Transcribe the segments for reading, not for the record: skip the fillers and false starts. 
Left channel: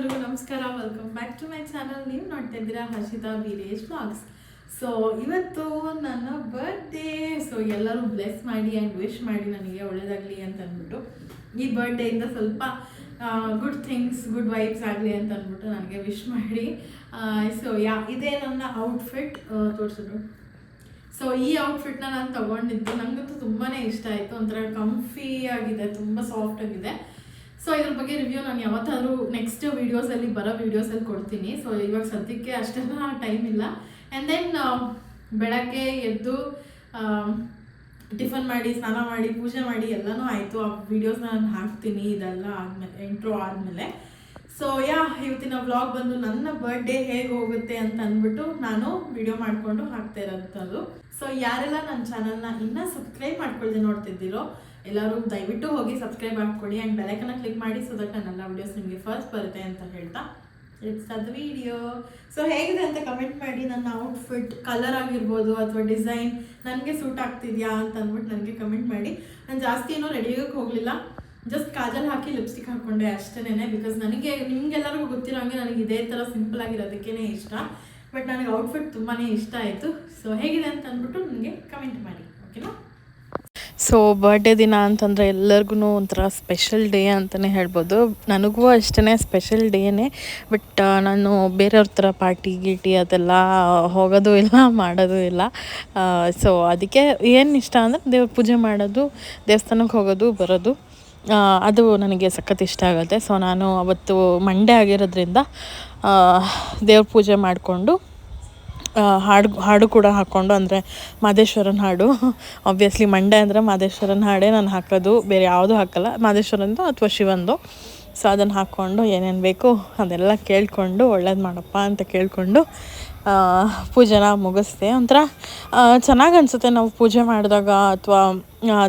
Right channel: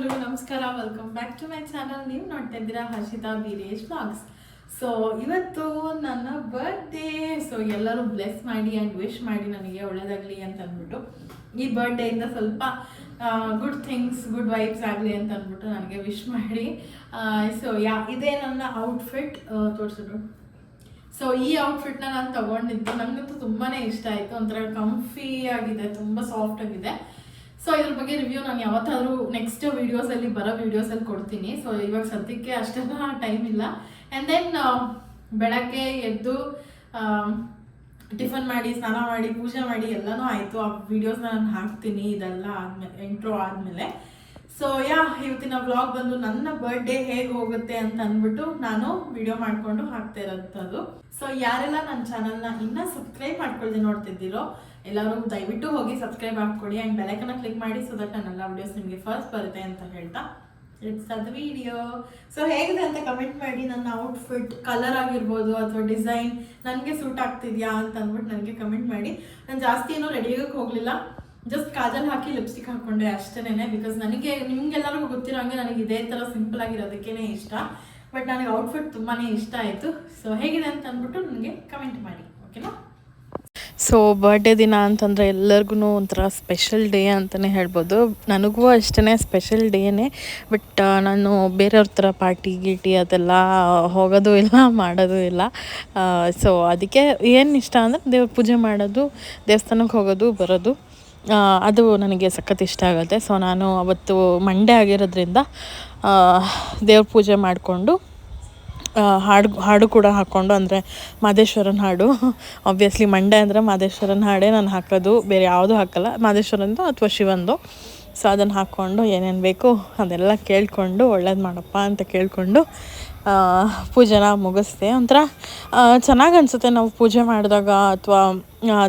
ಎಲ್ರಿಗೂ ನಮಸ್ಕಾರ, welcome back to my channel. ನೀವು ನೋಡ್ತಾ ಇದ್ದೀರಾ ಹರ್ಷಿತಾ ವೀರೇಶ್ ವ್ಲಾಗ್ಸ್. ಸೊ ಇವತ್ತು ನನ್ನ ಬರ್ಡೇ. ಸೊ ಎಲ್ಲರೂ ಬ್ಲೆಸ್ ಮಾಡಿ ಆ್ಯಂಡ್ ವಿಶ್ ಮಾಡಿ ನನಗೆ ಒಳ್ಳೇದಾಗಲಿ ಅಂತ ಅಂದ್ಬಿಟ್ಟು, ಈ ಬರ್ಡೇಯಿಂದ ಸ್ವಲ್ಪ ಗುಡ್ ಥಿಂಗ್ಸ್, ಗುಡ್ ವೈಬ್ಸ್ ಆಗಲಿ ಅಂತ ಅಂದ್ಬಿಟ್ಟು ನನಗೆ ವಿಶ್ ಮಾಡಿ. ಸೊ ಇದೇ ನನ್ನ ಔಟ್ಫಿಟ್ ತೋರಿಸಿದ್ರು. ಸೊ ಈ ಔಟ್ಫಿಟ್ನ ನಾನು ತೊಗೊಂಡಿದ್ದು, ನನಗಂತೂ ತುಂಬಾ ಇಷ್ಟ ಆಯಿತು. ಒಂಥರ ಕಂಫಿ ಆಗಿದೆ, ತುಂಬ ಸಾಫ್ಟ್ ಆಗಿದೆ. ಸೊ ಇದ್ರ ಬಗ್ಗೆ ರಿವ್ಯೂ ನಾನು ಯಾವತ್ತಾದ್ರೂ ನೆಕ್ಸ್ಟ್ ವೀಡಿಯೋಸಲ್ಲಿ ಬರೋ ವೀಡಿಯೋಸಲ್ಲಿ ಕೊಡ್ತೀನಿ. ಸೊ ಇವಾಗ ಸದ್ಯಕ್ಕೆ ಅಷ್ಟೆಲ್ಲ ಟೈಮ್ ಇಲ್ಲ. ಆ್ಯಂಡ್ ದೆನ್ ಬೆಳಗ್ಗೆ ಎದ್ದು ಟಿಫನ್ ಮಾಡಿ, ಸ್ನಾನ ಮಾಡಿ, ಪೂಜೆ ಮಾಡಿ ಎಲ್ಲನೂ ಆಯಿತು. ಆ ವಿಡಿಯೋಸ್ನ ನಾನು ಹಾಕ್ತೀನಿ ಇದೆಲ್ಲ ಆದಮೇಲೆ, ಇಂಟ್ರೋ ಆದಮೇಲೆ. ಸೊ ಇವತ್ತಿನ ವ್ಲಾಗ್ ಬಂದು ನನ್ನ ಬರ್ಡೇ ಹೇಗೆ ಹೋಗುತ್ತೆ ಅಂತ ಅಂದ್ಬಿಟ್ಟು ನಾನು ವಿಡಿಯೋ ಮಾಡಿಕೊಂಡು ಹಾಕ್ತಾ ಇರೋಂಥದ್ದು. ಸೊ ಯಾರೆಲ್ಲ ನನ್ನ ಚಾನಲ್ನ ಇನ್ನೂ ಸಬ್ಸ್ಕ್ರೈಬ್ ಮಾಡ್ಕೊಳ್ಳಿ ನೋಡ್ತಿದ್ದೀರೋ ಎಲ್ಲರೂ ದಯವಿಟ್ಟು ಹೋಗಿ ಸಬ್ಸ್ಕ್ರೈಬ್ ಮಾಡ್ಕೊಳ್ಳಿ ಆ್ಯಂಡ್ ಬೆಲೈಕನ್ನ ಕ್ಲಿಕ್ ಮಾಡಿ, ಸೊ ದಟ್ ನನ್ನೆಲ್ಲ ವಿಡಿಯೋಸ್ ನಿಮಗೆ ಫಸ್ಟ್ ಬರುತ್ತೆ ಅಂತ ಹೇಳ್ತಾ ಇಟ್ಸ್ ಅದು ವಿಡಿಯೋ. ಸೊ ಹೇಗಿದೆ ಅಂತ ಕಮೆಂಟ್ ಮಾಡಿ. ನನ್ನ ಔಟ್ಫಿಟ್ ಕಲರ್ ಆಗಿರ್ಬೋದು ಅಥವಾ ಡಿಸೈನ್ ನನಗೆ ಸೂಟ್ ಆಗ್ತಿದೆಯಾ ಅಂತ ಅಂದ್ಬಿಟ್ಟು ನನಗೆ ಕಮೆಂಟ್ ಮಾಡಿ. ನಾನು ಜಾಸ್ತಿ ಏನೂ ರೆಡಿಯಾಗಕ್ಕೆ ಹೋಗಲಿಲ್ಲ, ಜಸ್ಟ್ ಕಾಜಲ್ ಹಾಕಿ ಲಿಪ್ಸ್ಟಿಕ್ ಹಾಕ್ಕೊಂಡೆ ಅಷ್ಟೇನೆ. ಬಿಕಾಸ್ ನನಗೆ ನಿಮ್ಗೆಲ್ಲರಿಗೂ ಗೊತ್ತಿರೋ ಹಂಗೆ ನನಗೆ ಇದೇ ಥರ ಸಿಂಪಲ್ ಆಗಿರೋದಕ್ಕೇ ಇಷ್ಟ. ಬಟ್ ನನಗೆ ಔಟ್ಫಿಟ್ ತುಂಬಾ ಇಷ್ಟ ಆಯಿತು. ಸೊ ಹೇಗಿದೆ ಅಂತ ಅಂದ್ಬಿಟ್ಟು ನನಗೆ ಕಮೆಂಟ್ ಮಾಡಿ, ಓಕೆನಾ? ಸೊ ಬರ್ಡೇ ದಿನ ಅಂತಂದರೆ ಎಲ್ಲರಿಗೂ ಒಂಥರ ಸ್ಪೆಷಲ್ ಡೇ ಅಂತಲೇ ಹೇಳ್ಬೋದು. ನನಗೂ ಅಷ್ಟೇ ಸ್ಪೆಷಲ್ ಡೇನೇ. ಬಟ್ ನಾನು ಬೇರೆಯವ್ರ ಥರ ಪಾರ್ಟಿ ಗೀಟಿ ಅದೆಲ್ಲ ಹೋಗೋದು ಇಲ್ಲ, ಮಾಡೋದು ಇಲ್ಲ. ಸೊ ಅದಕ್ಕೆ ಏನು ಇಷ್ಟ ಅಂದರೆ ದೇವ್ರ ಪೂಜೆ ಮಾಡೋದು, ದೇವಸ್ಥಾನಕ್ಕೆ ಹೋಗೋದು ಬರೋದು, ಅದು ನನಗೆ ಸಖತ್ ಇಷ್ಟ ಆಗುತ್ತೆ. ಸೊ ನಾನು ಅವತ್ತು ಮಂಡೇ ಆಗಿರೋದ್ರಿಂದ ದೇವ್ರ ಪೂಜೆ ಮಾಡಿಕೊಂಡು ಹಾಡು ಕೂಡ ಹಾಕ್ಕೊಂಡು, ಅಂದರೆ ಮಾದೇಶ್ವರನ ಹಾಡು. ಆಬ್ವಿಯಸ್ಲಿ ಮಂಡೇ ಅಂದರೆ ಮಾದೇಶ್ವರನ ಹಾಡೇ ನಾನು ಹಾಕೋದು, ಬೇರೆ ಯಾವುದೂ ಹಾಕಲ್ಲ. ಮಾದೇಶ್ವರಂದು ಅಥವಾ ಶಿವಂದು. ಸೊ ಅದನ್ನು ಹಾಕ್ಕೊಂಡು ಏನೇನು ಬೇಕು ಅದೆಲ್ಲ ಕೇಳಿಕೊಂಡು, ಒಳ್ಳೇದು ಮಾಡಪ್ಪ ಅಂತ ಕೇಳಿಕೊಂಡು ಪೂಜೆನ ಮುಗಿಸ್ದೆ. ಒಂಥರ ಚೆನ್ನಾಗಿ ಅನಿಸುತ್ತೆ ನಾವು ಪೂಜೆ ಮಾಡಿದಾಗ ಅಥವಾ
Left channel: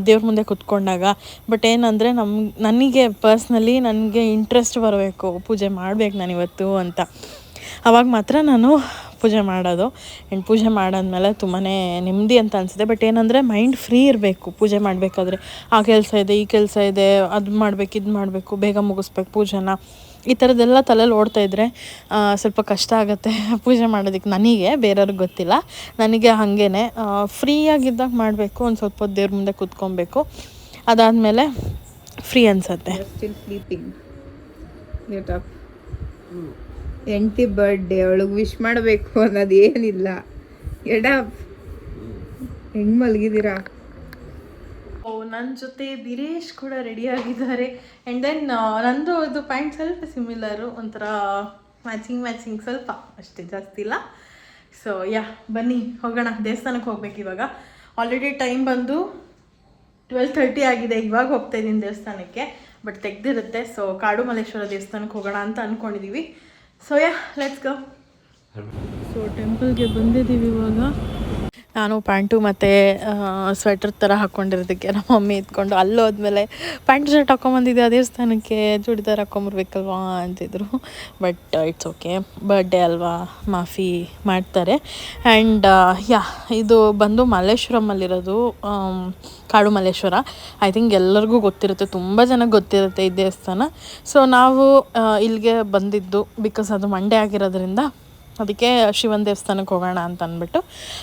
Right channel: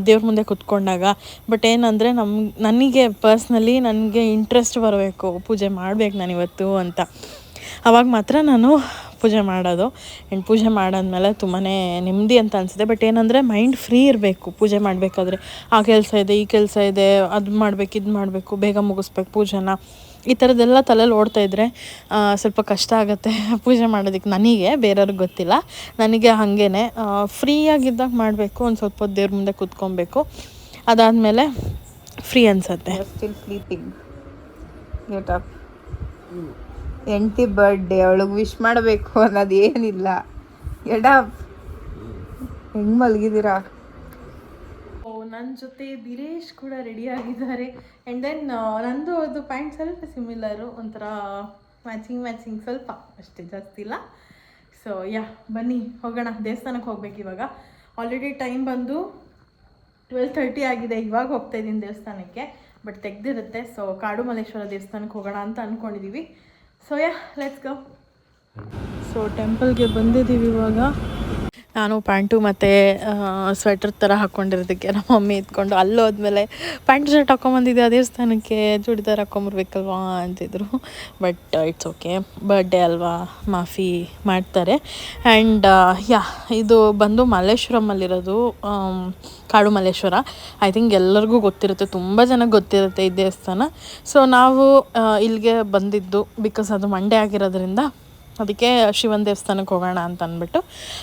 ದೇವ್ರ ಮುಂದೆ ಕೂತ್ಕೊಂಡಾಗ. ಬಟ್ ಏನಂದರೆ ನನಗೆ ಪರ್ಸ್ನಲಿ ನನಗೆ ಇಂಟ್ರೆಸ್ಟ್ ಬರಬೇಕು, ಪೂಜೆ ಮಾಡಬೇಕು ನಾನಿವತ್ತು ಅಂತ. ಆವಾಗ ಮಾತ್ರ ನಾನು ಪೂಜೆ ಮಾಡೋದು. ಆ್ಯಂಡ್ ಪೂಜೆ ಮಾಡಾದ್ಮೇಲೆ ತುಂಬಾ ನೆಮ್ಮದಿ ಅಂತ ಅನಿಸುತ್ತೆ. ಬಟ್ ಏನಂದರೆ ಮೈಂಡ್ ಫ್ರೀ ಇರಬೇಕು ಪೂಜೆ ಮಾಡಬೇಕಾದ್ರೆ. ಆ ಕೆಲಸ ಇದೆ, ಈ ಕೆಲಸ ಇದೆ, ಅದು ಮಾಡಬೇಕು, ಇದು ಮಾಡಬೇಕು, ಬೇಗ ಮುಗಿಸ್ಬೇಕು ಪೂಜೆನ, ಈ ಥರದ್ದೆಲ್ಲ ತಲೆಯಲ್ಲಿ ಓಡ್ತಾಯಿದ್ರೆ ಸ್ವಲ್ಪ ಕಷ್ಟ ಆಗುತ್ತೆ ಪೂಜೆ ಮಾಡೋದಕ್ಕೆ. ನನಗೆ, ಬೇರೆಯವ್ರಿಗೆ ಗೊತ್ತಿಲ್ಲ, ನನಗೆ ಹಾಗೇ ಫ್ರೀಯಾಗಿದ್ದಾಗ ಮಾಡಬೇಕು. ಒಂದು ಸ್ವಲ್ಪ ಹೊತ್ತು ದೇವ್ರ ಮುಂದೆ ಕೂತ್ಕೊಬೇಕು, ಅದಾದಮೇಲೆ ಫ್ರೀ ಅನಿಸುತ್ತೆ. ಹೆಂಡತಿ ಬರ್ಡೇ, ಅವಳಿಗೆ ವಿಶ್ ಮಾಡಬೇಕು ಅನ್ನೋದು ಏನಿಲ್ಲ. ಹೆಂಗೆ ಮಲಗಿದ್ದೀರಾ? ನನ್ನ ಜೊತೆ ವೀರೇಶ್ ಕೂಡ ರೆಡಿಯಾಗಿದ್ದಾರೆ. ಆ್ಯಂಡ್ ದೆನ್ ನಂದು ಇದು ಪ್ಯಾಂಟ್ ಸ್ವಲ್ಪ ಸಿಮಿಲರು, ಒಂಥರ ಮ್ಯಾಚಿಂಗ್ ಸ್ವಲ್ಪ, ಅಷ್ಟೇ, ಜಾಸ್ತಿ ಇಲ್ಲ. ಸೊ ಬನ್ನಿ ಹೋಗೋಣ. ದೇವಸ್ಥಾನಕ್ಕೆ ಹೋಗ್ಬೇಕು ಇವಾಗ. ಆಲ್ರೆಡಿ ಟೈಮ್ ಬಂದು 12:30 ಆಗಿದೆ. ಇವಾಗ ಹೋಗ್ತಾ ಇದ್ದೀನಿ ದೇವಸ್ಥಾನಕ್ಕೆ, ಬಟ್ ತೆಗ್ದಿರುತ್ತೆ. ಸೊ ಕಾಡು ಮಲ್ಲೇಶ್ವರ ದೇವಸ್ಥಾನಕ್ಕೆ ಹೋಗೋಣ ಅಂತ ಅಂದ್ಕೊಂಡಿದ್ದೀವಿ. So let's go. ಸೊ ಟೆಂಪಲ್ಗೆ ಬಂದಿದ್ದೀವಿ ಇವಾಗ. ನಾನು ಪ್ಯಾಂಟು ಮತ್ತು ಸ್ವೆಟರ್ ಥರ ಹಾಕ್ಕೊಂಡಿರೋದಕ್ಕೆ ನಮ್ಮ ಮಮ್ಮಿ ಇದ್ಕೊಂಡು ಅಲ್ಲೋದ್ಮೇಲೆ ಪ್ಯಾಂಟ್ ಶರ್ಟ್ ಹಾಕ್ಕೊಂಬಂದಿದ್ದೆ ಆ ದೇವಸ್ಥಾನಕ್ಕೆ, ಚೂಡಿದಾರ್ ಹಾಕ್ಕೊಂಬರ್ಬೇಕಲ್ವಾ ಅಂತಿದ್ರು. ಬಟ್ ಇಟ್ಸ್ ಓಕೆ, ಬರ್ಡೇ ಅಲ್ವಾ, ಮಾಫಿ ಮಾಡ್ತಾರೆ. ಆ್ಯಂಡ್ ಇದು ಬಂದು ಮಲ್ಲೇಶ್ವರಮಲ್ಲಿರೋದು, ಕಾಡು ಮಲ್ಲೇಶ್ವರ. ಐ ಥಿಂಕ್ ಎಲ್ಲರಿಗೂ ಗೊತ್ತಿರುತ್ತೆ, ತುಂಬ ಜನಕ್ಕೆ ಗೊತ್ತಿರುತ್ತೆ ಈ ದೇವಸ್ಥಾನ. ಸೊ ನಾವು ಇಲ್ಲಿಗೆ ಬಂದಿದ್ದು ಬಿಕಾಸ್ ಅದು ಮಂಡೇ ಆಗಿರೋದ್ರಿಂದ, ಅದಕ್ಕೆ ಶಿವನ ದೇವಸ್ಥಾನಕ್ಕೆ ಹೋಗೋಣ ಅಂತ ಅಂದ್ಬಿಟ್ಟು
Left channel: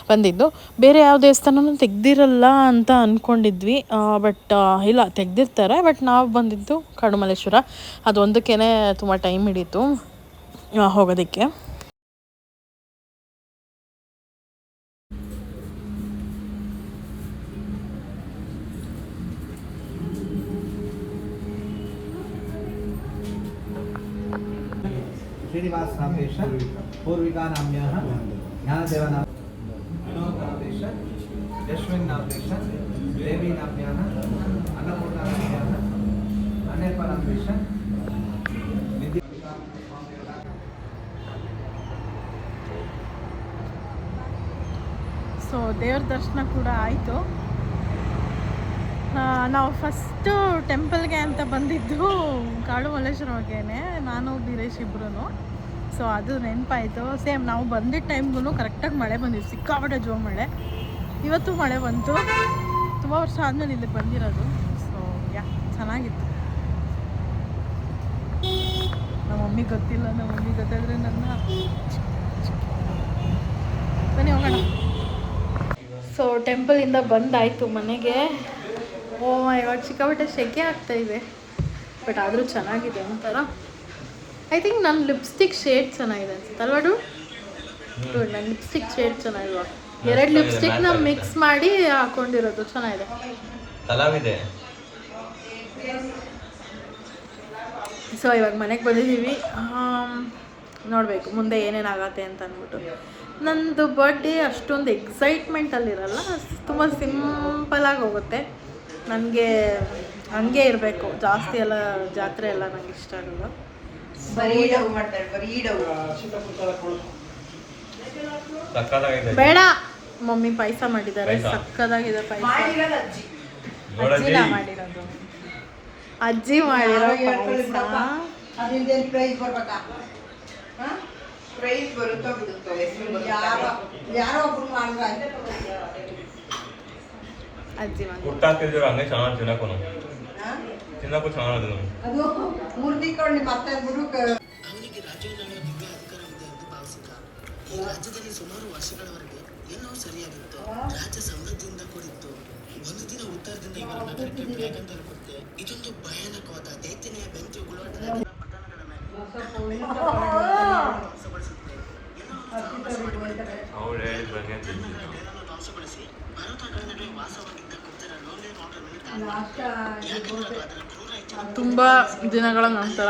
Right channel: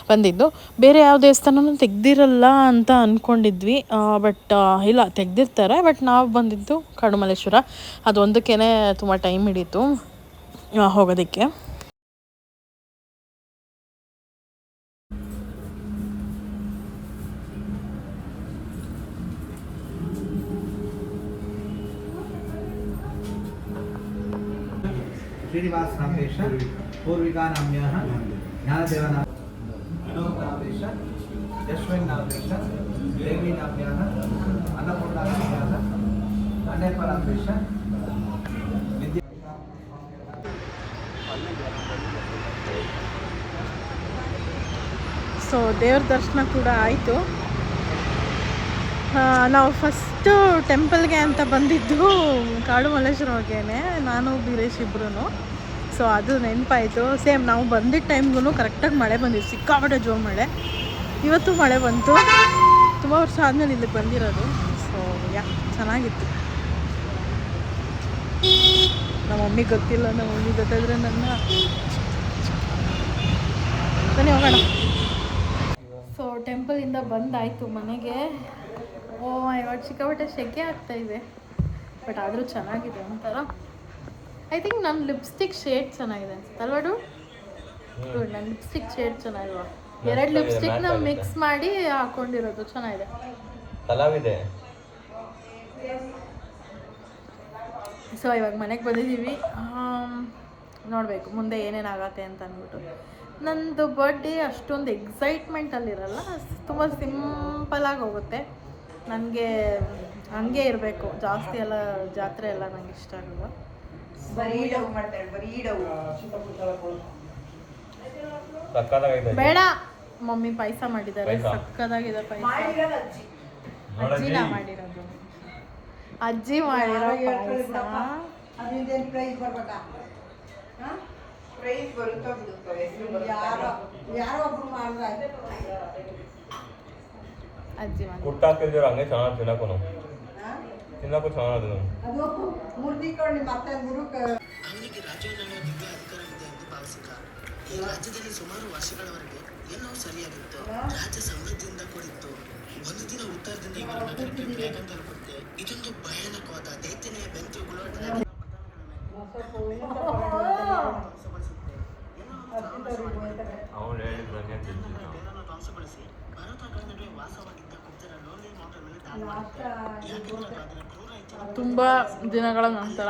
ಬಂದಿದ್ದು. ಬೇರೆ ಯಾವ ದೇವಸ್ಥಾನನೂ ತೆಗ್ದಿರಲ್ಲ ಅಂತ ಅಂದ್ಕೊಂಡಿದ್ವಿ, ಬಟ್ ಇಲ್ಲ, ತೆಗ್ದಿರ್ತಾರೆ. ಬಟ್ ನಾವು ಬಂದಿದ್ದು ಕಾಡು ಮಲ್ಲೇಶ್ವರ. ಅದು ಒಂದಕ್ಕೇ ತುಂಬ ಟೈಮ್ ಹಿಡೀತು ಹೋಗೋದಕ್ಕೆ. श्रीनिवास नामेश पूर्विका नाम्याः ज्ञानदेव नामेश यशवन् नामेश देवी नाम्याः अन्नपूर्णा नाम्याः अन्यपर नामेश ಸೊ ದೇವ್ರ ದರ್ಶನ ಕೂಡ ಆಯಿತು. ನಾವು ಫಸ್ಟು ಟೆಂಪಲ್ಗೆ ಅಂತ ಬಂದಿದ್ದು ಕಾಡು ಮಲ್ಲೇಶ್ವರವಾಗೇನೆ, ನಾನು ವೀರೇಶ್ ಇಬ್ಬರೂ. ಸೊ ಅದು ನೆನಪಾಯಿತು. ಸೇಮ್ ನಾವು ಬಂದಿದ್ದ ಟೈಮ್ಗೂ ಕರೆಕ್ಟಾಗಿ ಮಳೆ ಬಂದಿತ್ತು, ಸಿಕ್ಕಾಪಟ್ಟೆ ಜೋರು ಮಳೆ. ಇವತ್ತು ಮಳೆ ಬಂತು, ತುಂಬ ವರ್ಷ ಆದಮೇಲೆ ಇಲ್ಲಿಗೆ ಬಂದಿರೋದು. ಸೊ ಚೆನ್ನಾಗಿತ್ತು. ನಮ್ಮ ಮಮ್ಮಿಗೆ ಗೊತ್ತಿಲ್ಲ, ನಮ್ಮ ಮಮ್ಮಿಗೆ ಗೊತ್ತಾದರೆ ನನ್ನ ಬನ್ನಿ ಹೋಗೋಣ. ಸೊ ಟೆಂಪಲಿಂದ ಬಂದಾಯಿತು ಮನೆಗೆ. ಇವಾಗ ಸಿಕ್ಕಾಪಟ್ಟೆ ಸೆಕೆ ಆಗ್ತಾ ಇದೆ, ಬಟ್ ಆದರೂ ಚೆನ್ನಾಗಿದೆ ಒಂಥರ. ಐ ಥಿಂಕ್ ನನ್ನ ಲಿಪ್ಸ್ಟಿಕ್ ಶೇಡ್ ಚೆನ್ನಾಗಿದೆ ಅನ್ಸುತ್ತೆ ಅಲ್ವಾ ಡು? ನನ್ನ ಲಿಪ್ಸ್ಟಿಕ್ ಶೇಡ್ ಚೆನ್ನಾಗಿಲ್ವಾ? 2 ಲಿಪ್ಸ್ಟಿಕ್ನ ಮಿಕ್ಸ್ ಮಾಡಿ ಹಾಕೊಂಡಿರೋದು ಚೆನ್ನಾಗಿದೆ. ಸೊ ಇವಾಗ ಮನೆಗೆ ಬಂದಿದ್ದೀವಿ. ನೋಡಬೇಕು ಮುಂದೆ ಏನೇನಾಗತ್ತೆ ಅಂತ ಅಂದ್ಬಿಟ್ಟು. ನಂದು ಬರ್ಡೇ ಅಷ್ಟೊಂದು ಎಕ್ಸೈಟ್ಮೆಂಟಲ್ಲಿರಲ್ಲ, ತುಂಬ ಸಿಂಪಲಾಗಿ ಹೋಗುತ್ತೆ. ನನಗೆ ಹಂಗೆ ಇರಬೇಕು, ಜಾಸ್ತಿ ಎಲ್ಲ ಜಾತ್ರೆ ಎಲ್ಲ ನಂಗೆ ಇಷ್ಟ ಆಗಲ್ಲ. ಬೇಡ, ಮಮ್ಮಿ ಪಾಯಸ ಮಾಡಿದ್ದಾರೆ, ಸಕ್ಕದಾಗಿದೆ ಪಾಯಸ. ಅಜ್ಜಿ ಮಾಡಿರೋ ಪಾಯಸ. ಅಜ್ಜಿ ಅವನಿಗೆ ರಾಜ್ಯವನ್ನು ದಿವ್ಯ ಅಧಿಕಾರವಿದೆ ಎಂದು ಭಾವಿಸಿದ. ಈ ರಾಜ್ಯದಲ್ಲಿ ಸುಮಾರು ವರ್ಷಗಳವರೆಗೆ ಏನೋ ಸರಿಯಾಗಿತ್ತು. ರಾಜ್ಯ ಸಮೃದ್ಧಿಯಿಂದ ಕೂಡಿತ್ತು. ಒಂದು ದಿನ ಉತ್ತರದಿಂದ ಇವರ ನಗರಕ್ಕೆ ಬೇಗಂತಲ್ಪಡುತ್ತೆ. ಇದೊಂದು ಭಯಾನಕವಾದ ದೈತ್ಯನೆಯ ಬೆಂಕಿ ಉಗುಳುವಂತಹ ಧ್ವಂಸಗೊಳಿಸಿ ಪರ್ವತಗಳ ನಡುವೆ ವಾಸವಾಗಿದ್ದ ಗುಪ್ತರ ಲೋಲೆ ತುಂಬ ದಿನಗಳ ನಂತರ,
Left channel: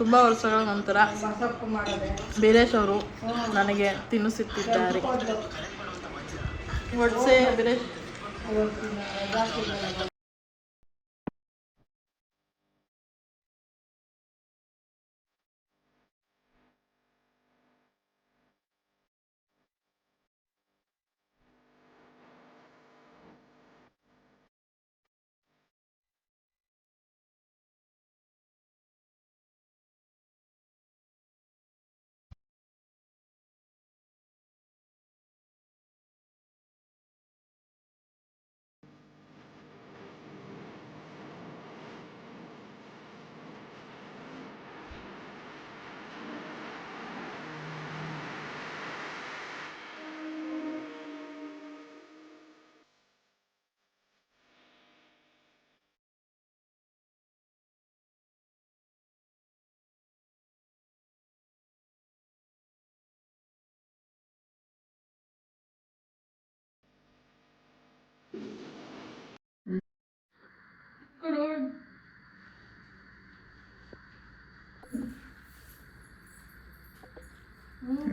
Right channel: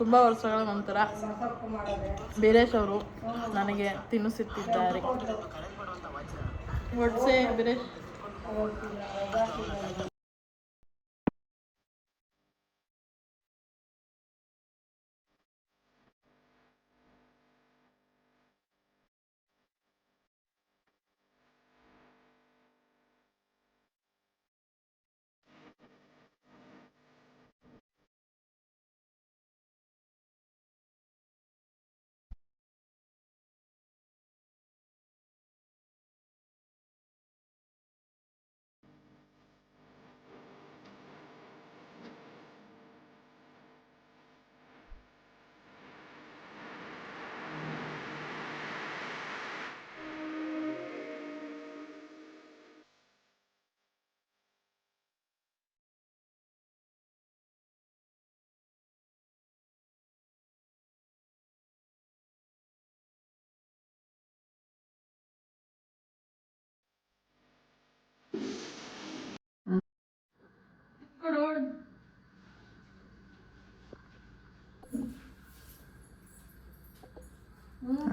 ತುಂಬ ವರ್ಷಗಳ ನಂತರ ಬೀರೇಶ್ ಅವರು ನನಗೆ ತಿನ್ನಿಸುತ್ತಿದ್ದಾರೆ. ಒಡ್ಸೆ ಬೀರೇಶ್.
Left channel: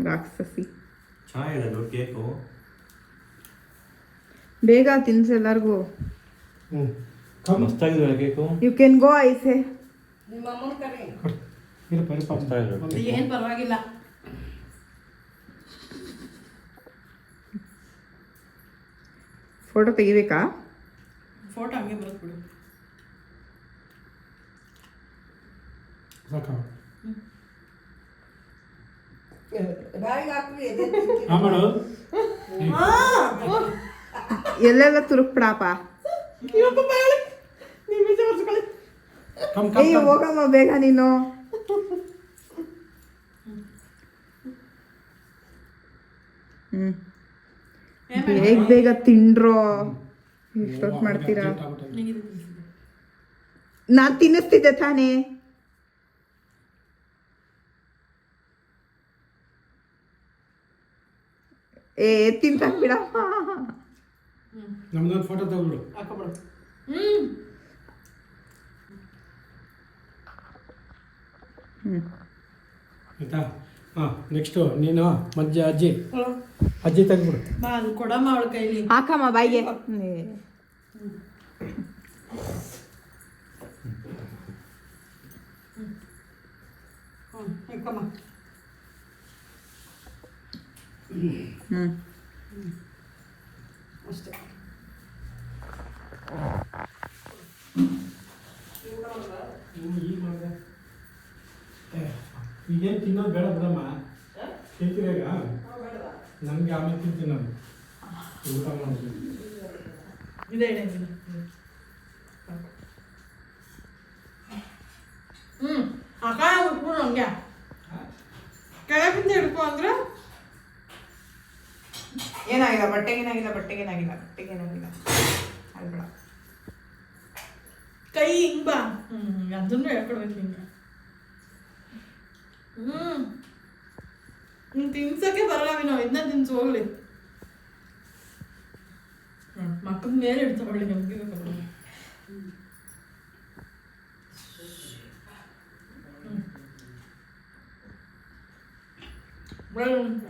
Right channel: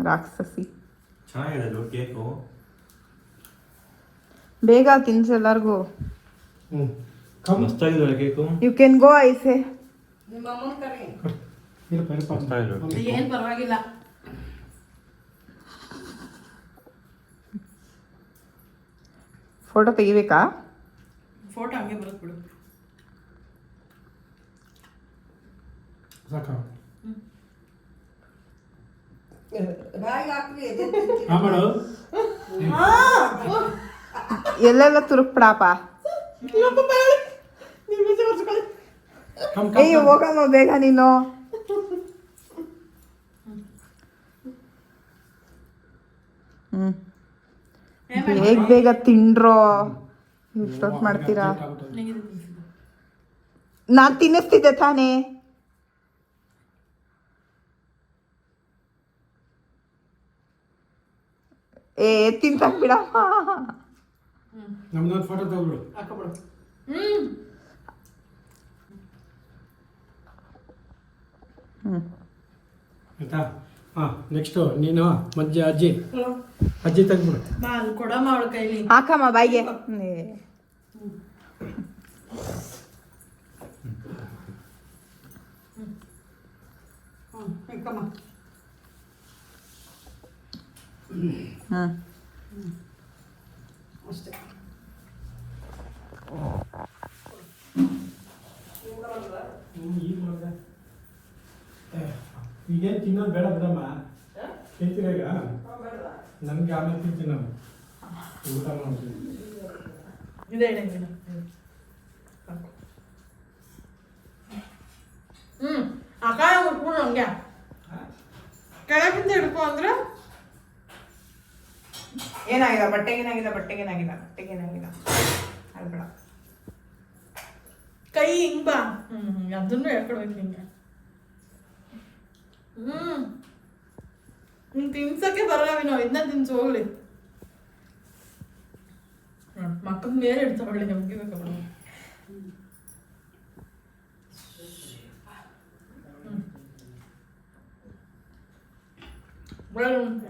ರಾಕ್ಷಸಿ ಚೆನ್ನಾಗಿದೆ ಕೇಕು. ಬೇಗ ತಿನ್ಸು ಎಲ್ಲರಿಗೂ. ಮಸ್ತಾಗಿದೆ ಕೇಕು. ಯು ಕ್ಯಾನ್ ಗೋ ಐಸೆ. ಏನು ಪರವಾಗಿಲ್ಲ. ಫೋಟೋ ತೆಗಿಬೇಕಾ? ಫೋಟೋ ಹಂಗೆ ಬರುತ್ತೆ ಬಿಡು. ಎಲ್ಲೆಲ್ಲ ತುರುಕ್ಬಿಡಪ್ಪ. ಏಯ್ ಹೋಗಮ್ಮ ಬೇಗ ನೀನು. ಬೇಗ ತಿಂಡ್ರೋ. ಎಷ್ಟೊತ್ತು ಮಾಡ್ತೀರಾ? ನಾನ್ ತಿನ್ನಿಸ್ತಿದ್ದೆ ತಾನೇ. ತಿಂತಾಕ್ ಬಿಡಮ್ಮ. ನಮ್ದೊಂದು ಫೋಟೋ ತಗೊಬಿಡು. ಆಯ್ತಾ? ನೆಕ್ಸ್ಟು ನೀನು ಅಜ್ಜಿ ತೆಗ್ಬಿಡು. ಕೊಡಮ್ಮ ಅವಳ ಕೈಲಿ. ಹಾಕಮ್ಮ ಬಾಯಿಗೆ. ಅಷ್ಟೇ. ಈಗೇನು ತಿನ್ನೋದು ಬೇಡ ಬಿಡಮ್ಮ. ತಿಂತೀರ ಈಗ? ನಮಗೆ ಆಮೇಲೆ ತಿಂತೀನಿ ನಾನು. ಊಟ ಮಾಡ್ತೀನಿ. ಇದೆ ಅಕ್ಕ ಉಟ್ಬಿಡು ಹಂಗೆ ಕೆಳಗಿಂದ ಹಿಡ್ಕೊ ಅಂದ್ರೆ ಏನಾಗಿಲ್ಲ ಬಟ್ಟೆಗೇನಾಗಿಲ್ಲ ಅಲ್ಬೇಡ. ಕೈ ಹಿಂಗ್ ಬಾ ಅದನ್ನು ಹೇಳ್ಕೊಡ್ಬೇಕು ಹಿಂಗೆ ನಿನ್ ತಿನ್ಸಕ್ಕೆ ಬರಲ್ಲ ನಾವು ಇದನ್ನ ತಿನ್ಸು ಹೋಗ್ಲಿ. ಮಕ್ಕಳ ಮೇಲೆ ಇಡ್ತಾವಳ್ಳಿ ನಮ್ಗೆ ಬೇಕು.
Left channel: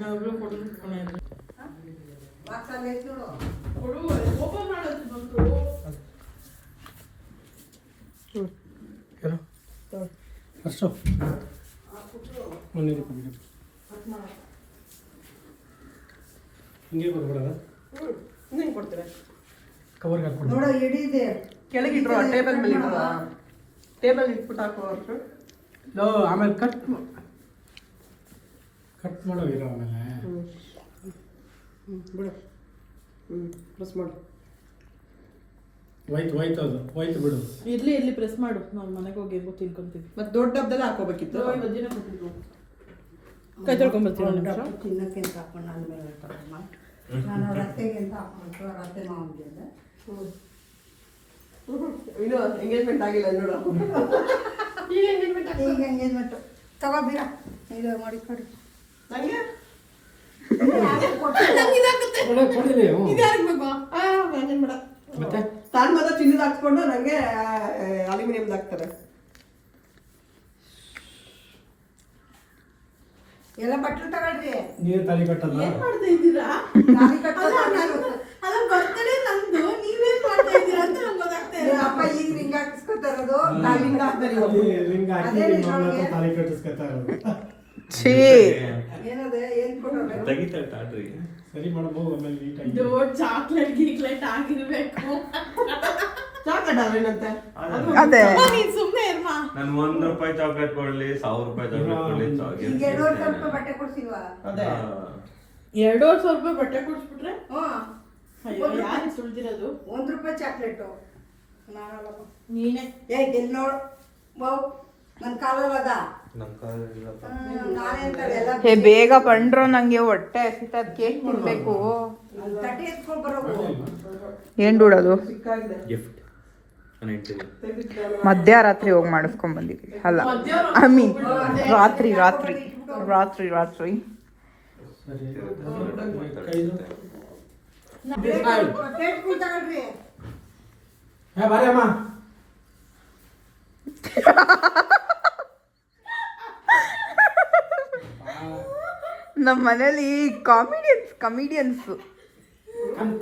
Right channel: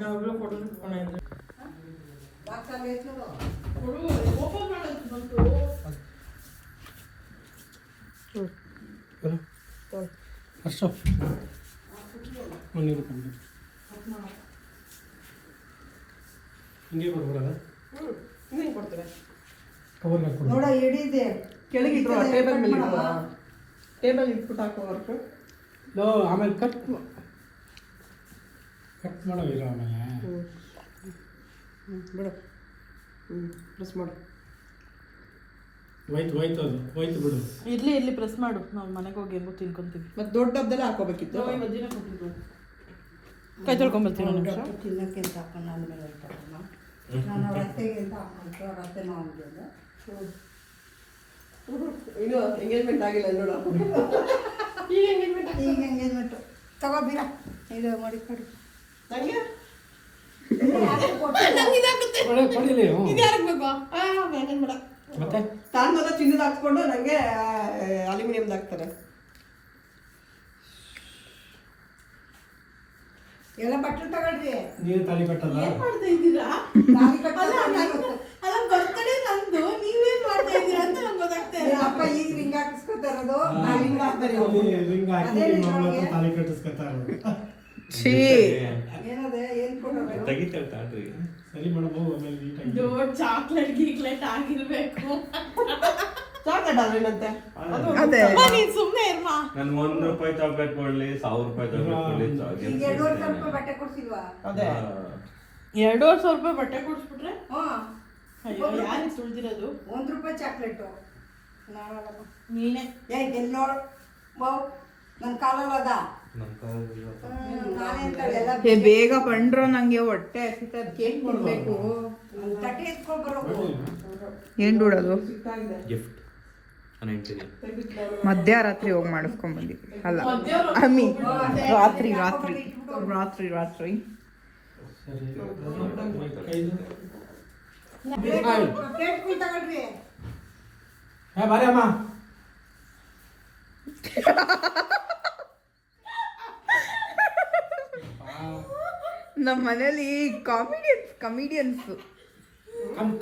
ನಾವೆಲ್ಲ ಫೋಟೋ ಇಟ್ಕೊಂಡಿದ್ವಿ. ಓಪನ್ ಮಾಡೋದು ಬಂತು. ಅಷ್ಟು ಮನೆ ಹಿಂಗೆ ಬರ್ಬಿಡೋದ ನೀನು ಕೊಡ್ತೀರಾ ಕವರ್ಗೆ ಹಾಕ್ಬಿಡು. ನೋಡ ಹಿಡಿದೆ ಕೆಳಗಿಟ್ಟು ಟೇಬಲ್ ಇಟ್ಬಿಟ್ಟು ಹಾಕೋ ಆಮೇಲೆ ಕಟ್ ಮಾಡೋ ಇರೋ ಆಮೇಲೆ ಬಿಡು ಪ್ರೆಸ್ ಮಾಡು. ಹೋಯ್ತು ಅದು ಹೋಯ್ತು ಬಿಡು. ಇರ್ಲಿ ಪ್ರೆಸ್ ಮಾಡು, ನಾವು ಮನೆಗೆ ಹೋಗಿ ಹೆಂಗೋ ತಿನ್ಕೊಂತೀವಿ. ಮತ್ತೆ ದೊಡ್ಡ ಡಬ್ಬದಲ್ಲಿ ಹಾಕೋಬೇಕಿತ್ತು. ಕೈ ತೊಳ್ಕೊಂಬರ್ತೀವಿ. ತಿನ್ನಕ್ಕಿಂತ ಹಾಕೊಂಡು ನನ್ನ ಮೇಲೆ ಇರ್ತಾರಮ್ಮ. ನಾನು ಅವ್ರ ಅತ್ತೆಗಿಂತ ಹಾಕೊಂಡು ಅವ್ರ ಅತ್ತೆ ಮಾವನಿಗೆ ಇದು ಎಂಗೇಜ್ಮೆಂಟ್ ಆಗಿಲ್ಲ ನೋಡು. ಈಗ ಎಂಗೇಜ್ಮೆಂಟು ತಗೋಬೀರ ಇದು ಮಾಡಿ ಕೊಡಿ ನಂಗೆ ಕೊಡಿಲಿ. ಯಾರಿಗೆ ಬೇಕು ಬೇಡ. ಮತ್ತೆ ತಾನು ಮೊದಲು ಚಿನ್ನದ ಹಾಕ್ಸ್ಕೊಂಡು ನಂಗೆ ಅಲ್ಯೂಮಿನಿಯಮ್ದು ಹಾಕ್ತಾರೆ. ಎಲ್ಲ ಬಟ್ಟಲು ತಗೊಳ್ರಿ. ನೀರು ತಾಲಿ ಕಟ್ಟಲ್ಲ. ಏನ್ ಮಾಡ್ತಾ ಇದ್ದೀರಾ? ತಾಳಿ ಕಟ್ಟೋದು ಅಲ್ಲ ಬರ್ತಡೇ ನಂದು, ನೀವೇನ್ ಮಾಡ್ತಾ ಇದ್ದೀರಾ ಅಂತ ನಂಗೆ ಗೊತ್ತಾಗ್ತಾ ಇಲ್ಲ. ಅಪ್ಪ ಈಗ ರಿಂಗ್ ಹಾಕಿಸ್ಕೊತಾ ಇರೋದು. ನಾವ್ ಹಿಂಗ್ ಹಾಕ್ತಾರೆ ಇವಾಗ. ರಿಂಗ್ ಹಾಕಿ ನಿಮ್ಮ ಮಗಳ ಹತ್ರ ತಾಲಿ ಕಟ್ಟಿಸ್ಕೊತಾ ಇರೋದು. ಛೀ ಏನದೆ ಏನ್ ಕೊಡೋದು ಸರಿ ಮಾಡಬಹುದು. ಆಮೇಲೆ ನೀಟಾಗಿ ದೊಡ್ಡ ಚಾಕ್ಲೇಟ್ ಗೀಕ್ಲೇಟ್ ಆಗಿರ್ಬೇಕು. ಚಾಕ್ಲೇಟ್ ಅಲ್ವೇನಂತೆ ಅದೇ ನೀನ್ ಸುಮ್ನೆ ಇರ್ಮಾ. ನಾನು ₹1 ಚಾಕ್ಲೇಟ್ ಕೊಡ್ಲಿ, ₹1000 ಚಾಕ್ಲೇಟ್ ಕೊಡ್ಲಿ, ಈಗ 200 ರೂಪಾಯಿ ಬಟ್ಟೆ ಕೊಡ್ಸಿಲ್ವಾ? ಅದೇ ₹2,500 ಬಟ್ಟೆ ಕೊಡ್ಸ್ಬಿಟ್ರೆ ಹ್ಞೂ ಅಯ್ಯೋ ಯಾರು ಸುಳ್ದಿರೋದು? ₹1 ಚಾಕ್ಲೇಟು. ನಾನಲ್ಲ ನೀನೇ ಇಲ್ಲಿ ನೋಡು ಬಾವು ನನ್ನ ಕಾಲಲ್ಲದ ಹೇ ಬೇಗ ಬಂಡ್ರು, ನಂಗೆ ಹೊಟ್ಟೆ ಹಸಿತದ ಕೇಕ್ ತಿನ್ಬೇಕು. ತಟ್ಟೆ ಎತ್ಕೊಂಡು ಬರೋದು. ಏನ್ ಬಿಡೋದು ಗಿಫ್ಟ್ ನಾನು ಹೇಳ್ತೀನಿ. ಮಧ್ಯರಾತ್ರಿ ಹೋಗಿ ಮಾಡಿಸ್ಕೊಂಡ್ ಬಂದಿದ್ವಿ. ಅಲ್ಲ ರಾತ್ರಿ ರಾತ್ರಿ ರಾತ್ರಿ ರಾತ್ರಿ ಸರಿ ಪ್ಲೇಟ್ ಕುಯ್ ತಗೊಳ್ರಿ. ಬಾರಿ ಅಮ್ಮ. ನಮ್ಮ ಮನೇಲಿ ಕಮಿಡಿಯನ್ಸ್ ಕಮ್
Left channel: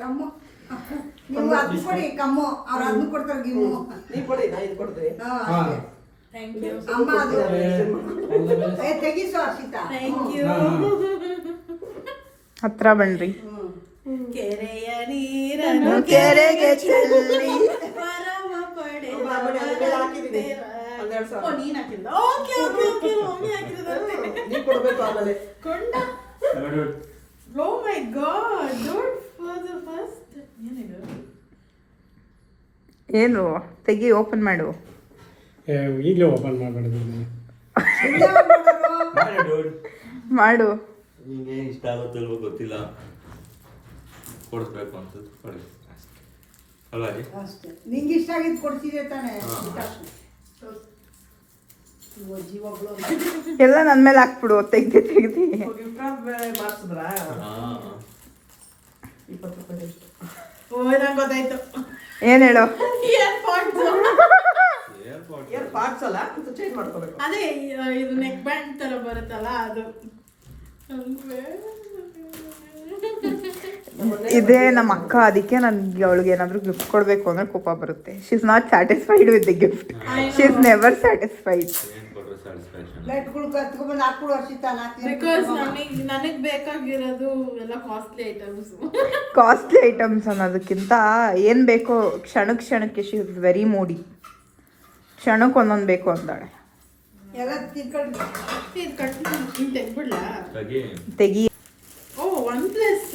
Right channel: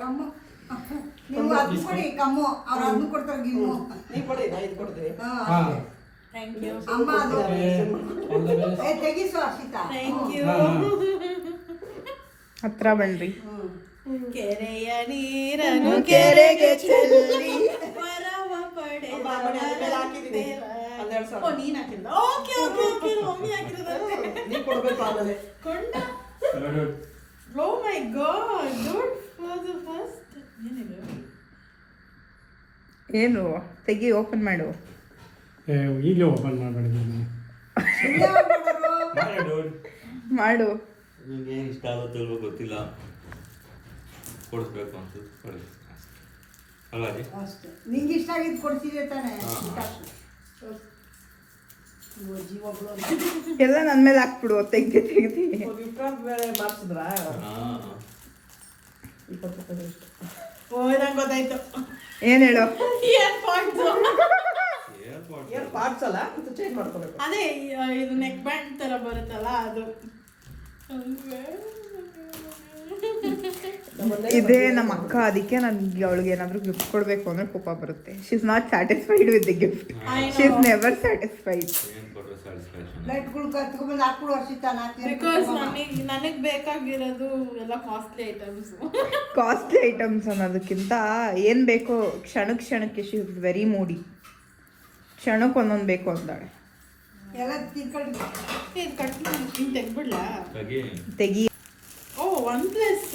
ಕಮ್ಮು ನೀವು ಅದನ್ನ ಕೊಡಿ ಕಮ್ಮು, ಅವ್ರು ಅದನ್ನ ಕೊಡ್ತಾರೆ ಗಿಮ್ಮು. ನೀ ಕೊಡಿ, ನಾ ಇದು ಕೊಡ್ತೀನಿ. ಹಾ ಅಮ್ಮ ಅದು ತೆಗಿಸು ಹರ್ಷಿತಾ. ಹತ್ರ ಬನ್ರಿ. ಕೆರೆಯ ನೀರನ್ನು ಕೆರೆಗೆ ಚೆಲ್ಲಿ ವರವ ಪಡೆದ ಓ, ನೀನ್ ಹಾಕಿದ್ದ? ಓಕೆ ಮಮ್ಮಿ ಹಾಕಿರೋದಂತೆ. ನೀ ಕೊಡ್ಬೇಕು ಆಮೇಲೆ ಕೊಂಡ. Oh my god, don't for the first. ಏನಿದು? ಏನು ತೆಗಿ, ಓಪನ್ ಮಾಡು. ಈಗಲೇ ಓಪನ್ ಮಾಡಬೇಡಿ. ಮಾಡು. ನಿಮಗೆ ಇಷ್ಟ ಆಗುತ್ತಲ್ವೋ ಗೊತ್ತಿಲ್ಲ, ಕೊಡಿಸ್ಬೇಕು ಅನ್ಸುತ್ತೆ ಕೊಡಿ ಅಲ್ವಾ ರೀ? ಅಷ್ಟೇ ನಿಂಗೆ ಇಷ್ಟ ಆಗಿದ್ದು ಕೊಡ್ತೀವಿ ತಾನೆ. ಎಲ್ಲ ನನ್ ಮೇಲೆ ಹಾಕ್ಬಿಡು, ತೆಗ್ದಿ ಬೇರೆ ಮಾಡ್ಸಿದ್ರಾ? ಓ, ನಂಗೆ ಗೊತ್ತಾಯ್ತು. ಏನ್ ಹೇಳು. ಅದೇ ಇದು ನೆಕ್ ಬ್ಯಾಂಡ್ ತರ ಬರುತ್ತಲ್ಲ ಅದು. ಇದೇ ನಮ್ಮ ಅಕ್ಕ, ಅದಕ್ಕೆ ನನ್ಗೆ ಅವಳಿಗೆ ಏನಾದ್ರು ಗಿಫ್ಟ್ ಕೊಡ್ಬೇಕು ಅಂದ್ರೆ ಕೋಪ ಬರುತ್ತೆ. She is not satisfied with the gift. She is never satisfied. ಏನು ಕೊಟ್ಟರು ಸ್ಯಾಟಿಸ್ಫ್ಯಾಕ್ಷನ್? ಪ್ಲೇಟ್ಗಳು ಕತ್ಕೊಂಡ್ಬಂದು ಹಾಕ್ಬಿಡು ಹರ್ಷಿತಾ. ಬಿಕಾಸ್ ನನಗೆ ಬೇಕಾಗಿರೋದು ಎಲ್ಲ ಕಾಸ್ಟ್ಲಿ ಐಟಮ್ಸ್ ಅನ್ನೋದಕ್ಕಿಂತ ಏನ್ ಬೇಕೋ ಕ್ಷಣಕ್ಕೆ ಶಿ ಇಸ್ ವೆರಿ ಮೂಡಿ. ಕ್ಷಣಕ್ಕೆ ಒಂದೊಂದು ಬೇಕು ಅಂತಾಳೆ. ಎಲ್ಲ ತಿನ್ಕೊಂಡು ಇದು ಕಟ್ ಹಿಂಗೆ ತೆಗ್ಬಿಡ್ಲಾ? ತೆಗಿ. ಓ, OnePlus.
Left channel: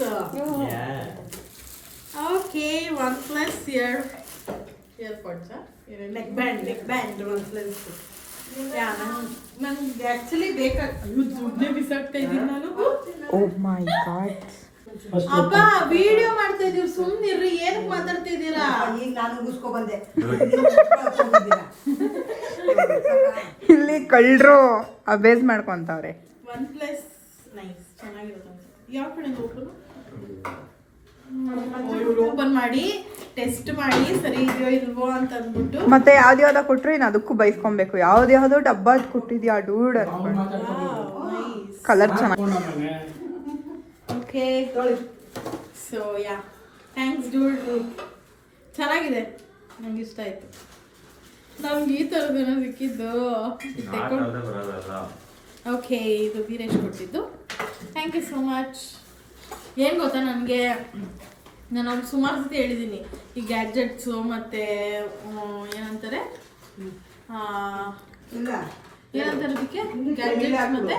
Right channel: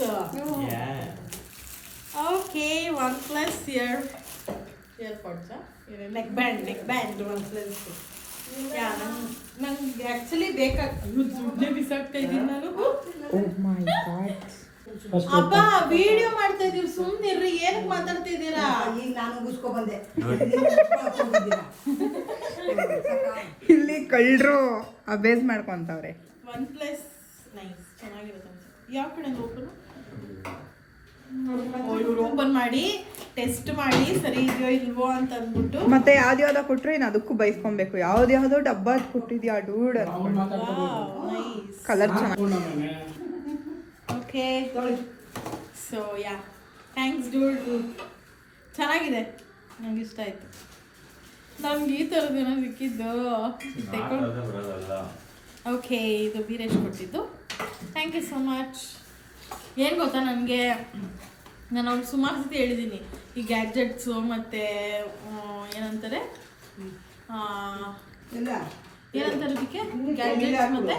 Okay, OnePlus 2. ಇಯರ್ಪಾಡ್ಸಾ ನೆಕ್ ಬ್ಯಾಂಡ್ ಯಾ ನಂಗೆ ಆ್ಯಕ್ಚುಲಿ ದುಡ್ಡೇ ಬಿಸಾಕ್ತಾ ಇದ್ದೀನಿ ನಾನು. ಓ ಮೈ ಗಾಡ್. ಅಪ್ಪ ವಿಡಿಯೋ ಮಾಡ್ತಾ ಇದೀವಿ, ಸುಮ್ಮನಿರ್ರಿ, ಏನಕ್ಕೆ ಮಾತಾಡ್ತಾ ಇದ್ದೀರಾ? ಈಗ ನಾನು ಮುಗಿಸ್ಕೊ ಬಂದೆ. ಇಲ್ಲಿ ಕಳ್ಳರು ಅಬೇಸ್ ಮಾಡ್ಕೊಂತವ್ರೆ. OnePlus ನೈಸ್, ಚೆನ್ನಾಗಿರುತ್ತೆ. ಯಾವ ಕಡೆಯಿಂದ ಓಪನ್? ಇವ್ರು ಓಪನ್ ಮಾಡಿ ಟೆಸ್ಟ್ ಮಾಡಿ ಸರಿ ಇದೆಯೋ ಇಲ್ವೋ ಅಂತ ಅಂದ್ಬಿಟ್ಟು ಮತ್ತೆ ಯಾವ್ದ್ಯಾವ್ದ ಕೊಟ್ರು ಇನ್ನು ಅದಕ್ಕೂ ಬೈಸ್ಕೊಬೇಕು. ಯಾವ್ದ್ಯಾವ್ದೋ ಡಬ್ಬ ಕೊಟ್ಟಿದ್ಯಾ ಡೂಡ್ ಅನ್ಕೊಂಡು. ನೈಸ್. ಕಲರ್ ಚೆನ್ನಾಗಿ. Okay so yeah thanks dude, ಚೆನ್ನಾಗಿದೆ, ನಂಗೆ ಇಷ್ಟ ಆಯಿತು. ನಮ್ಗೆ ಈ ಥರದ್ದೇನೋ ಸಿಕ್ಕಿದ್ದು ಬರೋದಲ್ಲ. ಓಕೆ, ಇದು ವೀರೇಶ್ ಕೊಟ್ಟಿದ್ದು. Thank you so much. ಏನು ಗೊತ್ತಾ, ನನಗೆ ನಾನು ಅವ್ರಿಗೆ ಸುಮಾರು ಸತಿ ಹೇಳಿದ್ದೀನಿ ಈ ಗ್ಯಾಡ್ಜೆಟ್ಸು ಮತ್ತು ಏನಂತಾರೆ ಏನಂತಾರೆ ಅದಕ್ಕೆ ಗ್ಯಾಡ್ಜೆಟ್ಸ್ ಮತ್ತು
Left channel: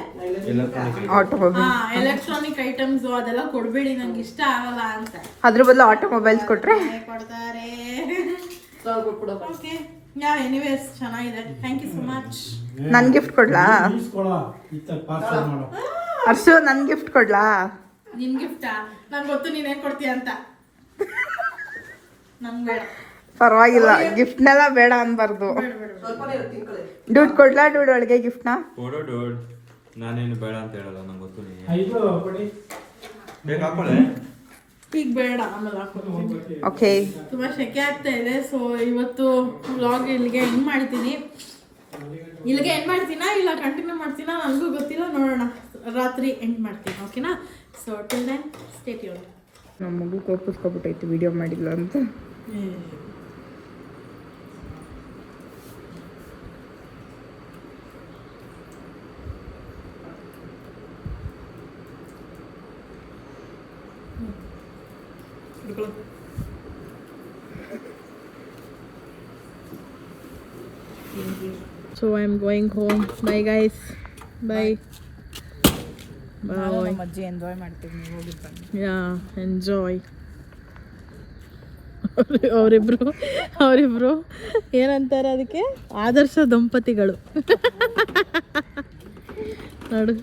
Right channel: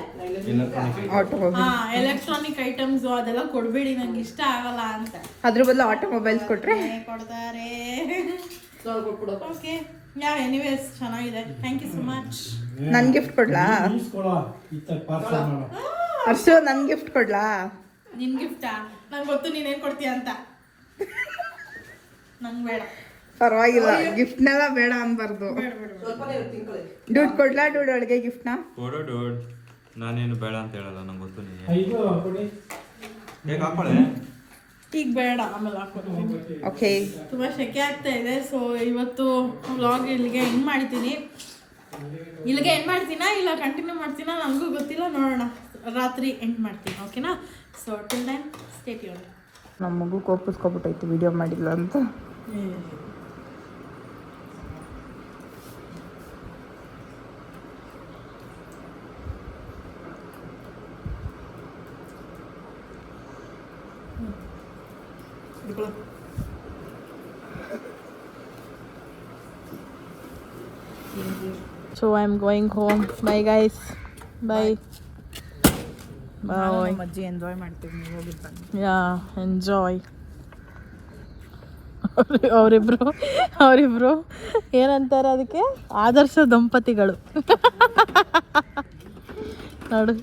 ಎಲೆಕ್ಟ್ರಾನಿಕ್ ಐಟಮ್ಸು ಅದೆಲ್ಲ ಕೊಡಬೇಡಿ, ನಂಗೆ ಇಷ್ಟ ಆಗಲ್ಲ ಅಂತ. ಅದ್ರ ಬದಲು ಆಟೋಮೊಬೈಲ್ಸ್ ಕೊಟ್ರೆ ಕೊಡ್ತಾರೆ. ಓಕೆ ಯಾ ಎನಿವೇಸ್ ಚೆನ್ನಾಗಿದೆ. Thank you so much. ನನ್ ಗಿಫ್ಟ್ ಕೊಡ್ಲಾ? ಪಾರ್ಸಲ್ ಮಾಡು. ಅರ್ಶು ನನ್ ಗಿಫ್ಟ್ ಕೊಡ್ಲಾ? ನಿನ್ ಗಿಫ್ಟಾ? ನಂಗೆ ಗೊತ್ತು ನೀನೇನು ಕೊಡ್ತೀಯ ಅಂತ. ನಂಗೆ ಬೇಡ. ಪರವಾಗಿಲ್ಲ, ಗಿಫ್ಟ್ನೆಲ್ಲ ಬೇಡ ಅನ್ಬಾರ್ದು. ದುಡ್ಡು ಕೊಡ್ಲಾ? ದುಡ್ಡು ಒಳಗೆ ಗಿಫ್ಟ್ನ ಕೊಡು ಡೋಡ್. ನಾನೇನು ಬೇಡ ಅಂತ ಹೇಳಲ್ಲ, ನಂಗೆ ಗೊತ್ತು ನೀನು ಇದು ಕೊಡಿ. ಹೇಗೆ ಹಾಕೊಳ್ಳೆ. ಈಗ ಬೇಡ, ಆಮೇಲೆ ಹಾಕೋದು. ಓಕೆ. ತುಂಬ ಸೆಕೆ ಆಗ್ತಾ ಇದೆ. ಸೊ ಇವತ್ತು ವ್ಲಾಗ್ ಇಲ್ಲಿಗೆ ಎಂಡ್ ಮಾಡ್ತೀನಿ. ಇಲ್ಲಿಗೆ ಎಂಡ್ ಮಾಡ್ತೀನಾ ಇಲ್ಲ ಕಂಟಿನ್ಯೂ ಮಾಡ್ತೀನಾ ನನಗೂ ಗೊತ್ತಿಲ್ಲ, ನೋಡೋಣ. ರಾತ್ರಿ ಎಂಡ್ ಮಾಡ್ತೀನಿ, ಓಕೆನಾ? So till then stay tuned. ನಮ್ಮ ಮಗು ಕೋಪಿಸ್ಕೊಬಿಟ್ಟೈತಿ ವಿಡಿಯೋ ಮಾಡಿಲ್ಲ ಅಂತ. So I'm going home. Bye guys. Bye. Bye. ಅಜ್ಜಿ ಎಂಜಾಯ್ ಮಾಡ್ತೀವಿ, ನೀವು ಹೋಗಿದ್ದು ಬನ್ನಿ. Yeah, enjoy. ಅವರಿಬ್ರು ಏನಂತಾರೆ ಅದಕ್ಕೆ, ಆದರ್ಶ ದಂಪತಿಗಳು. ನೋಡು,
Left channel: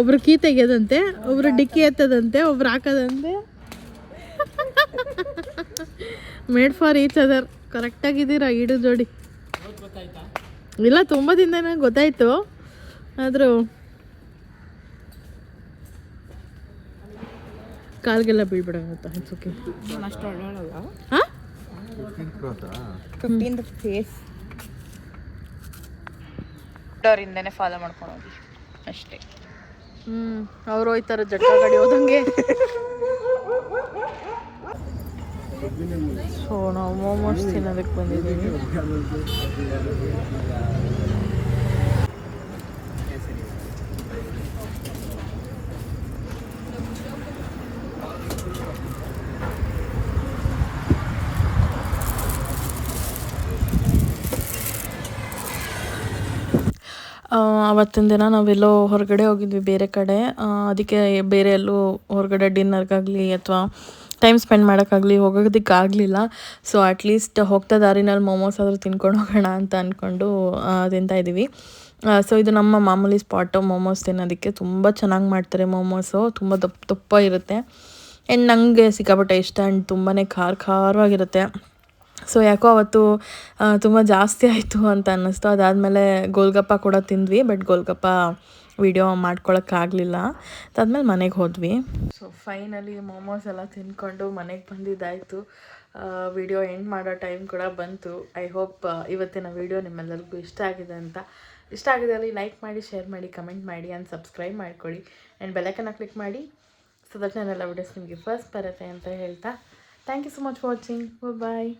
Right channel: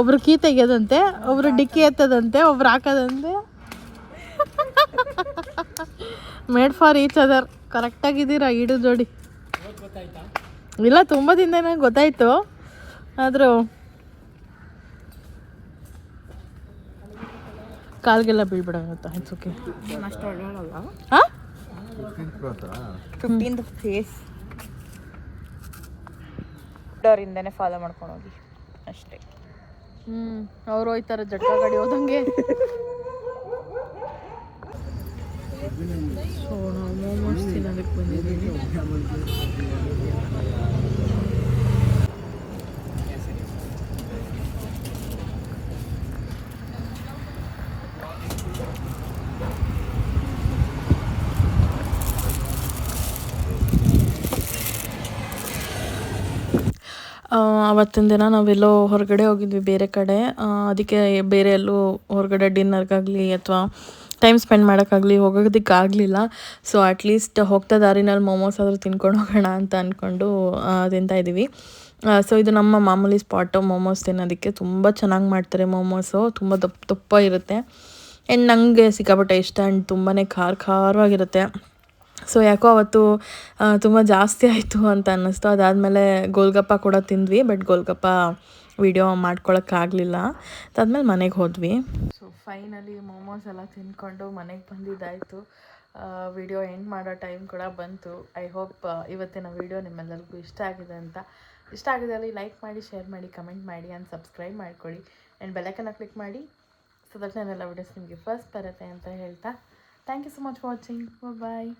ಒಬ್ರು ಕೀ ತೆಗೆಯೋದಂತೆ, ಒಬ್ರು ಡಿಕ್ಕಿ ಎತ್ತದಂತೆ, ಒಬ್ರು ಹಾಕೋದಂತೆ. Made for each other. ಕರೆಕ್ಟಾಗಿದ್ದೀರಾ ಇಡು ಜೋಡಿ. ಇಲ್ಲ, ತುಂಬ ದಿನ ನಂಗೆ ಗೊತ್ತಾಯ್ತು, ಆದರೂ ಕಾಲ್ಗೆಲ್ಲ ಬೀಳ್ಬಿಡೋತ್ತ. It's okay. ಅಷ್ಟು ಒಳ್ಳೊಳಲ್ಲ. ಹಾಂ, 15th ಫೇಸ್ ಅವರಿಂದನೇ ಫಾಲೋ ಮಾಡ್ಕೊಂಡು ಹೋಗಿ ಅಷ್ಟೇ. ಅವ್ರು ಹೋಯ್ತಾರೆ ಜಟ್ಕ ಗಾಡಿ ಹೋದಂಗೆ. ಸೊ ನಾವು ಮೋಮೋಸ್ ತಿನ್ನೋದಕ್ಕೆ ಬಂದಿದ್ದೀವಿ. ಅವತ್ತಿನ ದಿನ ನಾವೆಲ್ಲೋ ಹೊರಗಡೆ ಹೋಗಿದ್ವಿ ಬೇರೆ ಕಡೆ. ಅದಕ್ಕೆ ಬೇರೆ ಎಲ್ಲೂ ಹೊರಗಡೆ ಡಿನ್ನರ್ಗಾಗಲಿ ಅಥವಾ ಟೈಮ್ ಸ್ಪೆಂಡ್ ಮಾಡೋಕ್ಕಾಗಲಿ ಹೋಗೋದಕ್ಕಾಗಲಿಲ್ಲ. ಸೊ ಅಟ್ಲೀಸ್ಟ್ ಹೋಗ್ತಾ ದಾರಿನಲ್ಲಿ ಮೋಮೋಸ್ ಆದರೂ ತಿನ್ಕೊಂಡು ಹೋಗೋಣ ಅಂತ ಅಂದ್ಕೊಂಡು ತಿಂತಾಯಿದ್ದೀವಿ. ಸೊ ಇದು ನಮ್ಮ ಮಾಮೂಲಿ ಸ್ಪಾಟು ಮೋಮೋಸ್ ತಿನ್ನೋದಕ್ಕೆ. ತುಂಬ ಚೆನ್ನಾಗಿ ಮಾಡ್ತಾರೆ ಮೋಮೋಸು, ತುಂಬ ದಪ್ಪ ಇರುತ್ತೆ. ಆ್ಯಂಡ್ ನನಗೆ ಸಿಕ್ಕಾಪಟ್ಟೆ ಇಷ್ಟ. ಆ್ಯಂಡ್ ತುಂಬಾ ಖಾರವಾಗಿರುತ್ತೆ. ಸೊ ಯಾಕೋ ಅವತ್ತು ತುಂಬ ಜಾಸ್ತಿ ಆಯಿತು ಅಂತ ಅನ್ನಿಸ್ತು. ಅದಾದಮೇಲೆ ಗೋಲ್ಗಪ್ಪ ಕೂಡ ತಿಂದ್ವಿ, ಬಟ್ ಗೋಲ್ಗಪ್ಪ ವಿಡಿಯೋ ಮಾಡ್ಕೊಳಕ್ಕಾಗಲಿಲ್ಲ. ಅದಾದಮೇಲೆ ಮನೆಗೆ ಹೋದ್ವಿ. ಸೊ ಫೈನಲಿ ಮೋಮೋಸ್ ಎಲ್ಲ ತಿಂದ್ಕೊಂಡು ಮನೆಗೆ ಬಂದಿದ್ದಾಯಿತು. ವಿಡಿಯೋ ಎಂಡ್ ಮಾಡೋ ಟೈಮ್ ಕೂಡ ಬಂತು. ಐ ಹೋಪ್ ಇವತ್ತಿನ ವಿಡಿಯೋ ನಿಮ್ಮೆಲ್ಲರಿಗೂ ಇಷ್ಟ ಆಗಿದೆ ಅಂತ. ಇಷ್ಟ ಆಗಿದ್ದಲ್ಲಿ ಲೈಕ್ ಮಾಡಿ, ಶೇರ್ ಮಾಡಿ, ಕಮೆಂಟ್ ಮಾಡಿ ಆ್ಯಂಡ್ ಸಬ್ಸ್ಕ್ರೈಬ್ ಮಾಡ್ಕೊಳ್ಳಿ. ಆ್ಯಂಡ್ ಬೆಲ್ಲೈಕನ್ನ ಕ್ಲಿಕ್ ಮಾಡಿ, ಸೊ ದಟ್ ನನ್ನೆಲ್ಲ ವಿಡಿಯೋಸ್ ನಿಮಗೆ ಫಸ್ಟ್ ಬರುತ್ತೆ ಅಂತ ಹೇಳ್ತಾ thank you so much for watching. Bye.